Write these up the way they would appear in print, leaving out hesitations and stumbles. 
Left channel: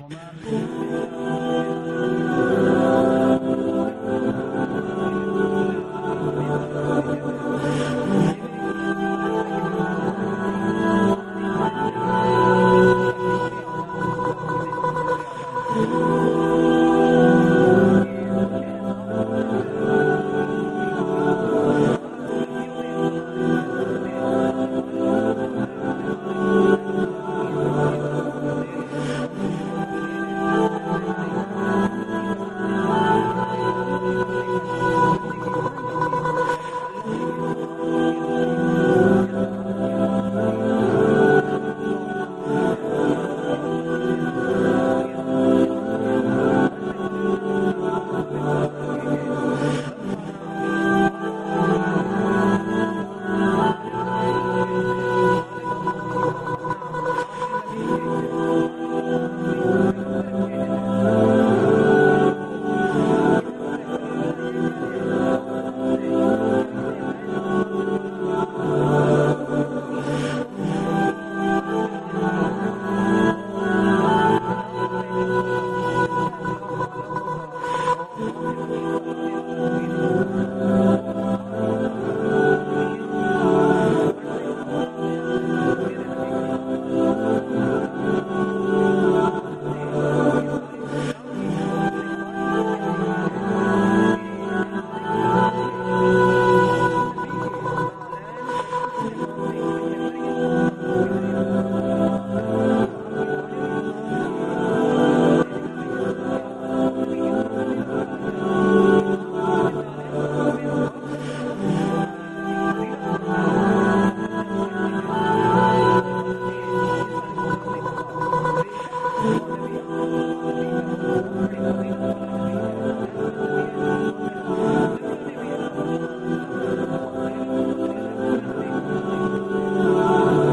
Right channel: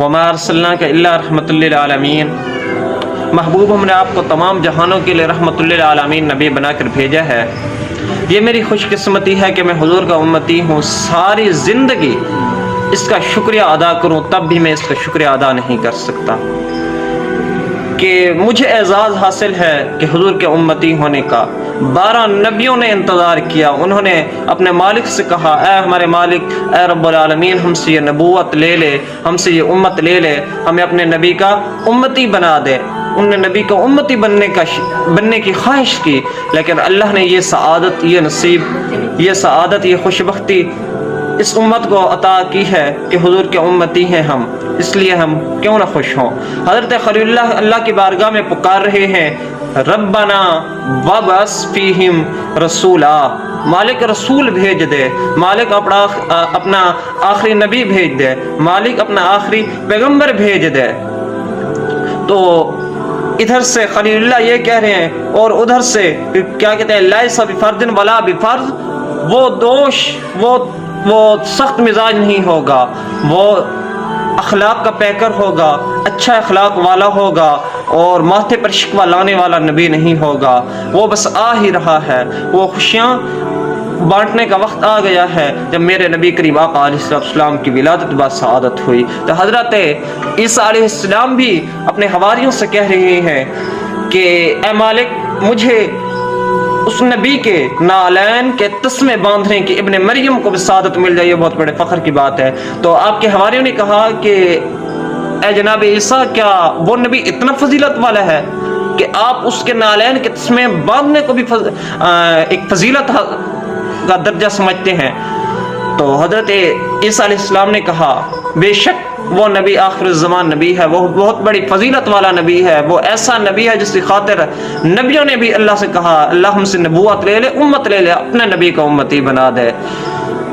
वमा अर्सलनाका इल्ला रहमतुल लिल आलमीन, महबूब हमने आपको तमाम जहानों के लिए रहमतुल लिल आलमीन नबी बनाकर भेजा है। ये मेरी खुशकिस्मती है कि मैं हुजूर का उम्मती हूँ। सारी ज़िंदगी इसका शुक्रिया अदा करूँ तब भी मैं इसका शुक्रिया अदा नहीं कर सकता कि मुझे एजाज़ हासिल है कि हुजूर के उम्मती होने का। 12 नबियों ने इंतज़ार किया, उन्होंने अपने मालिक से कहा, ऐ हमारे मालिक, ऐ रब्बुल आलमीन, हमसे ये नबूवत ले ले, हमसे ये उम्मत ले ले, हमें अपने नबी का उम्मती बना दे। उन्होंने नबी का उम्मती बनने की ख्वाहिश की, लेकिन अल्लाह ने ये सआदत, ये नसीब, ये सआदत, ये खुशबख्ती इस उम्मत को अता की है कि हुजूर के उम्मती हैं हम, इसलिए हम क्यों ना खुश हों। हज़रत खलीलुल्लाह अल्लाह की बारगाह में पुकार रहे हैं, रब्बना वबअस फीहिम रसूला, मालिक रसूल भेज दे, मालिक अपना आखिरी नबी भेज दे, मालिक अपना आखिरी पैगंबर भेज दे। तो इधर से खलीलुल्लाह ये कह रहे हैं और उधर से क्या कहते हैं, लैसा बिफर्दिन वला बिफर्द, वो दोष, वो सख्त मिजाज नहीं होगा, वो अखलाक का पैकर होगा, अच्छा अखलाक वाला होगा और माथे पर शिकवा लाने वाला नबी नहीं होगा। वो बस आ ही रहा है, वो खुशियाँ बांटने का वक्त आ गया है जब मेरे नबी करीम आका अलैहिस्सलाम की विलादत व सआदत हुई। तो हज़रत ईसा अलैहिस्सलाम भी अपने हवारियों से कह रहे हैं कि ए मालिक, मुझे उस नबी के नालैन के तस्मे बांधने की इब्ने मरियम को भी सआदत मिल जाए, ये बहुत बड़े फ़ख्र की बात है। तो आपके हवारियों ने कहा कि ए जनाब ईसा, क्या वो नबी इतना फजीलत वाला है कि आप उसके नालैन के तस्मे बांधने को भी एक फजीलत का दर्जा समझते हैं? तो हज़रत ईसा अलैहिस्सलाम ने कहा, बेशक वो नबी आखिर ज़मान नबी है, वो बहुत बड़ी फजीलत वाला नबी है, वो ऐसा नबी है जिसकी खातिर नबियों ने भी अल्लाह से कहा, अल्लाह हमसे नबूवत ले ले, उम्मत ले ले, अपने नबी का उम्मती बना दे।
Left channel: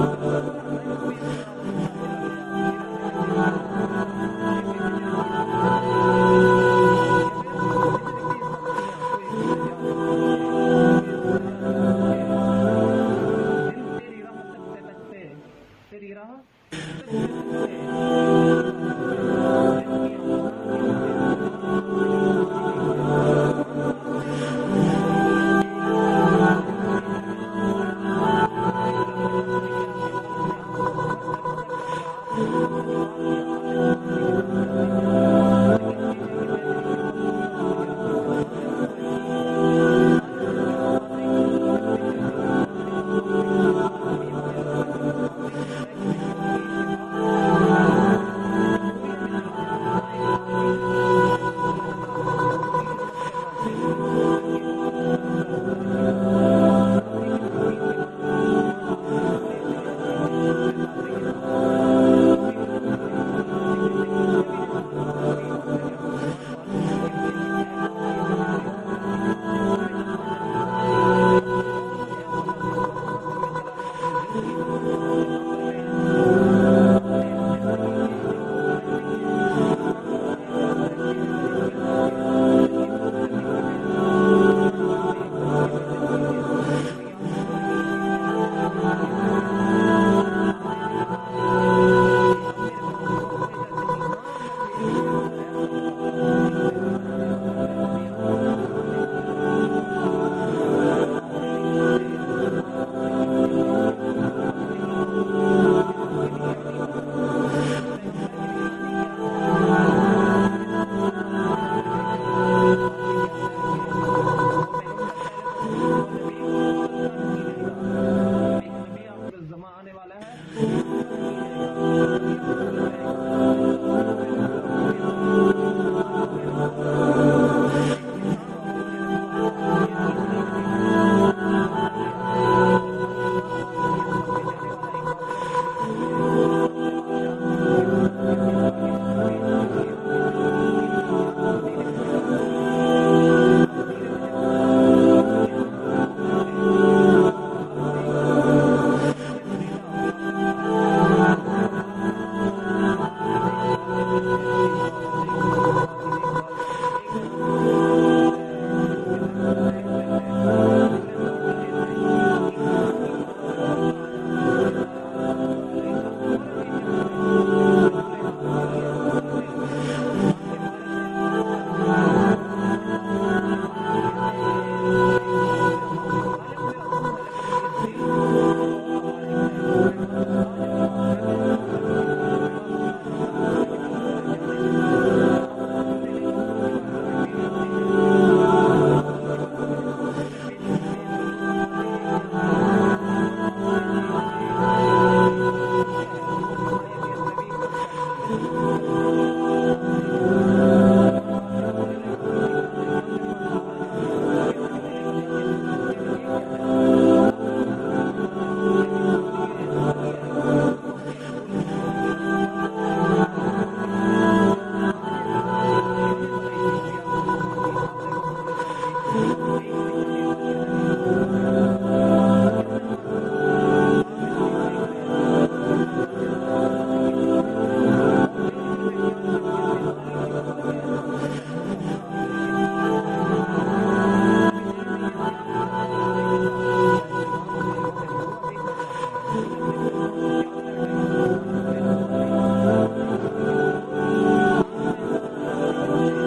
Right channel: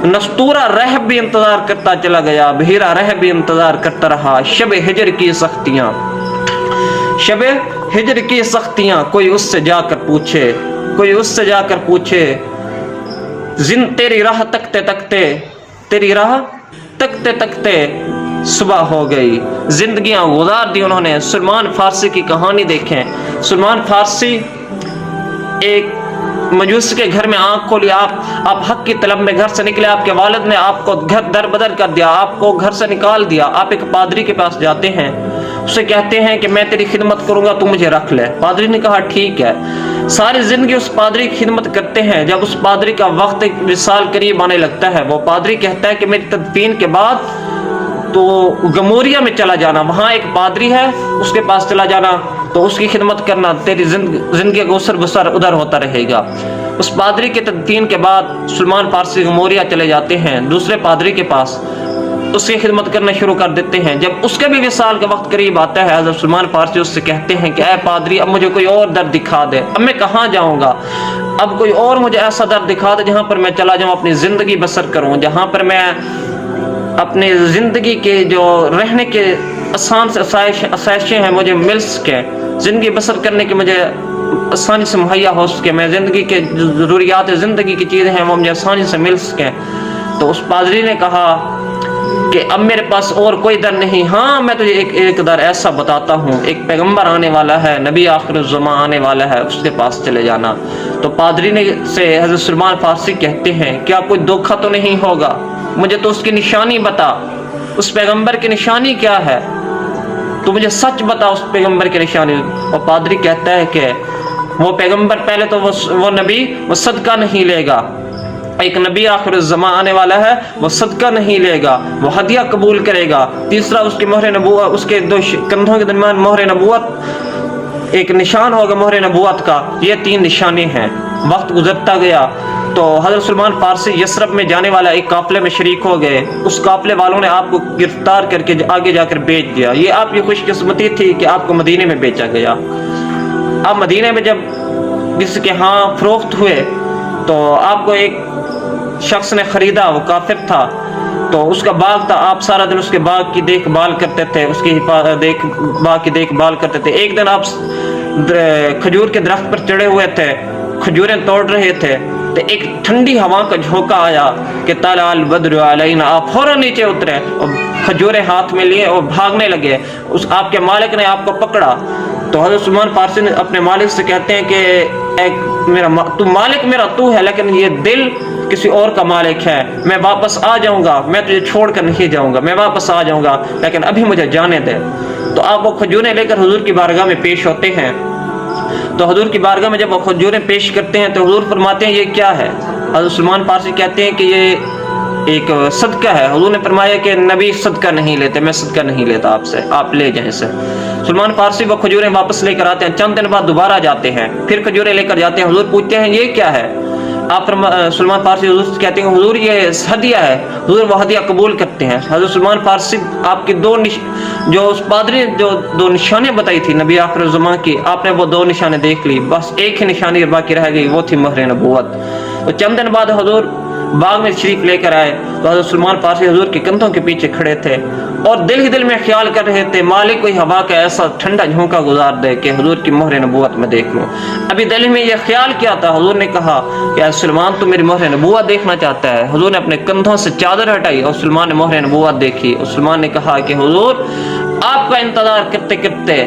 नस्तूरा रहब भी इंतज़ार करता चला गया, बहीरा रहब भी इंतज़ार करता रहा। शब हिजर की सख्तियाँ, शब हिजर की सख्तियाँ, कोई उससे जाकर पूछे, कोई उससे जाकर पूछे, तेरी राह तकते तकते, तेरी राह तकते तकते सुबह हो गई। जिंदगियां गुजार दी उन्होंने। सलमान फारसी की कहानी देखें। सलमान फारसी एक मजूस के घर में आंख खोली, आप हक की तलब में घर से निकले, आपके वालिद ने आपको घर दर बदर कर दिया, आपको घर से निकाल दिया। आप एक पादरी के पास जाते हैं, उससे कहते हैं कि मैं तेरी खिदमत करूंगा, तू मुझे रख ले। पादरी ने कहा ठीक है। सारी जिंदगी उस पादरी की खिदमत करते हैं। जब उस पादरी का वक्त एक विसाल करीब आने लगता है, वो पादरी कहता है कि मेरी तदफीन के बाद तो गमोरिया में चला जाना, वहाँ एक पादरी है, उसके पास चला जाना, तो उसकी खिदमत करना, तेरी जिंदगी का उसर बसर उधर होता रहेगा। उस पादरी के तदफीन के बाद सलमान फारसी गमोरिया चले जाते हैं दूसरे पादरी के पास, उसकी खिदमत करना शुरू कर देते हैं। जब उसके भी विसाल का वक्त करीब आता है, हज़रत सलमान फारसी उससे कहते हैं कि ऐ पादरी, अब मुझे कोई और दर दिखा दे, अब मैं कहाँ जाऊँगा, अब कोई और मुझे ऐसा दर दिखा दे जहाँ पर मैं चला जाऊँ, अपनी ज़िंदगी बसर करूँ, जहाँ पर मैं अपने ज़िंदगी के जो रहने के आसान से आसाइशें हैं मुझे मिल सके, ज़िंदगी बसर करने की मुझे आसानी से मुहैया हो सके, मैं ज़िंदगी के ज़रूरियात ज़िंदगी की चीज़ें हैं वो मुझे आसानी से मिल सकें। तो उस पादरी ने कहा कि अब मेरे पास और कोई दर नहीं, हाँ मैं तुझे एक दर ऐसा बताता हूँ, एक पैगंबर आने वाला है, नबी आखिर ज़मान आने वाला है, उसके पास चले जाना। तो पादरी ने से हज़रत सलमान फारसी कहते हैं, क्या कोई धोखा तो नहीं होगा, मुझे तो उसकी निशानी बता, उस पैगंबर की निशानी क्या है, तो मुझे सच बता उस पैगंबर की निशानी। और पादरी कहता है कि वो पैगंबर, पहले तो वो नबी वो सदका नहीं लेगा, एक नबी आखिर ज़मान आने वाला है, वो सदका नहीं लेगा, वो हदिया कबूल करेगा। तीसरा उसकी मोहर नबूवत, उसके दो कंधों के दरमियान मोहर नबूवत, एक निशान होगा मोहर नबूवत का। ये 3 निशाने हैं। वक्त गुजरता गया तो हज़रत सलमान फारसी यसरब में जाने वाला एक काफले में शरीक हो गए। उस काफले वालों ने आपको गिरफ्तार करके आगे जाकर बेच दिया। ये आपकी खुशकिस्मती थी कि आपको मदीने में बेचा गया। आप मदीने में जब किसी के यहाँ फरोख्त हुए तो आपको एक शख्स ने खरीदा, वो काफिर था, तो उसका बाग था, आप सारा दिन उसके बाग की देखभाल करते थे, उसकी बाग की देखभाल करते थे। एक दिन आप खजूर के दरख्त पर चढ़े हुए थे, खजूरें तोड़ रहे थे, तो एक ठंडी हवा का झोंका आया कि तलाल बद्र अलैना, आप फौरन नीचे उतरे और खजूरें हाथ में लिए और भागने लगे। उस आपके मालिक ने आपको पकड़ा तो हज़रत सलमान फारसी ने अपने मालिक से कहते हैं कि तू मालिक मेरा तू है, लेकिन ये दिल किसी और का मालिक है। मैं वापस आ जाऊंगा, मैं तुझे छोड़ कर नहीं जाऊंगा, मैं वापस आ जाऊंगा, लेकिन अभी मुझे जाने दे। तो आप वो खजूरें लेकर हुजूर की बारगाह में पेश होते हैं। तो हुजूर की बारगाह में जब वो खजूरें पेश करते हैं तो हुजूर फरमाते हैं ये क्या है। हज़रत सलमान फारसी कहते हैं कि ये एक सदका है। हुजूर ने फरमाया कि नबी सदका नहीं लेते, मैं सदका नहीं लेता आपसे, आप ले जाएं इसे। सलमान फारसी वो खजूरें वापस लेकर आते हैं। चंद दिन बाद दोबारा जाते हैं, फिर खजूरें लेकर जाते हैं। हुजूर पूछते हैं ये क्या है। आप सलमान फारसी हुजूर से कहते हैं हुजूर ये हदिया है। हुजूर वो हदिया कबूल करते हैं। हज़रत सलमान फारसी आपकी जो उस पादरी जो दो निशानियां बताई थी नबी आखिर ज़मां की, आपने वो दो निशाने देख ली, बस एक ही निशानी बाकी रह गई, वो थी मोहर नबूवत। तो चंद दिन बाद हुजूर बाग में शरीफ लेकर आए तो हज़रत सलमान फारसी हुजूर के कंधों के पीछे खड़े थे और दिल ही दिल में ख्याल कर रहे थे मालिक कोई हवा का ऐसा ठंडा झोंका गुजार दे कि हुजूर की मोहर नबूवत में देख लूं। अभी दिल में यह ख्याल किया था। हुजूर ने कहा कि सलमान तो मेरी मोहर नबूवत देखना चाहता है। हुजूर ने अपने कंधों से चादर हटाई और सलमान ने मोहर नबूवत देखी। और सलमान ने कहा कि हुजूर आपका इंतजार करते करते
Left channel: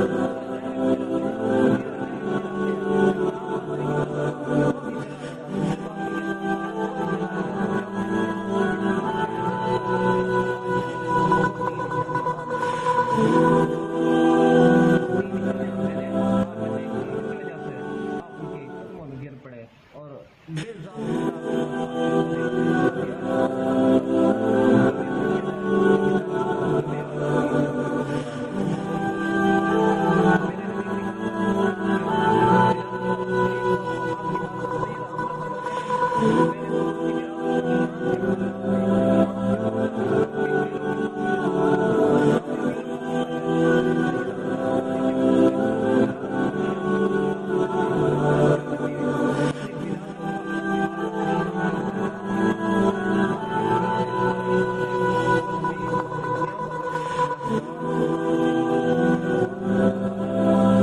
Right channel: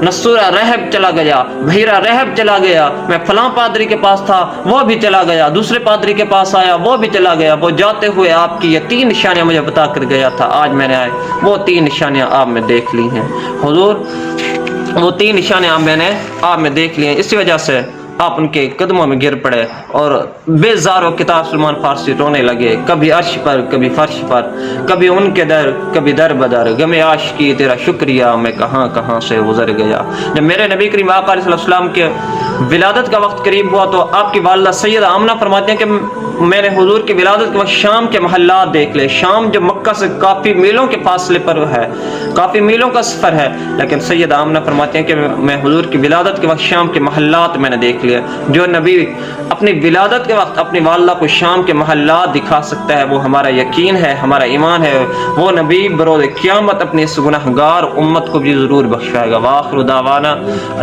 नसूरा रहब चला गया, भीरा रहब चला गया, मैं फलां पादरी के पास था वो भी चला गया, दूसरे पादरी के पास आया वो भी चला गया। वो जाते हुए आपकी ये 3 निशानियां मुझे बता कर गया था, आज मैंने आए वो 3 निशानियां आप में देख ली हैं। हुजूर वो 3 निशानियां मैंने आप में देख ली हैं। इसी वजह से आप उनके कदमों में गिर पड़े और बेजारो किताब सलमान फारसी रोने लगे, कभी अर्श पर कभी फर्श पर, कभी उनके दर कभी दर बदर, गमे आशिकी तेरा शुक्रिया मैं कहाँ कहाँ से गुजर गया। जब मेरे नबी करीम आका अलैहिस्सलाम के विलादत का वक्त करीब हुआ तो आपकी वालिदा सैयदा आमना फरमाती हैं कि मैंने हुजूर की विलादत के वक्त शाम के महल्लात देख ले। शाम जो मक्का से काफ़ी मीलों के फासले पर है, काफ़ी मीलों का सफ़र है, लेकिन सैयदा आमना फरमाती हैं कि मैं हुजूर की विलादत के वक्त शाम के महल्लात मैंने देख लिया। जो नबी अपनी विलादत के वक्त अपनी वालिदा को शाम के महल्लात दिखा सकता है, वो हमारा यकीन है, हमारा ईमान है। वो नबी बरोज़ क़यामत अपनी इस गुनहगार उम्मत को भी ज़रूर बख्शाएगा। वाखिरु दावाना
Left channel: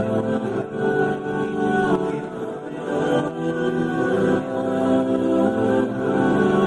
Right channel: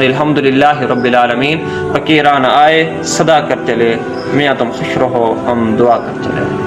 अल्हम्दुलिल्लाहि रब्बिल आलमीन। फकीरान आए सदा करते ले, मियाँ तुम खुश रहो, हम दुआ करते रहे।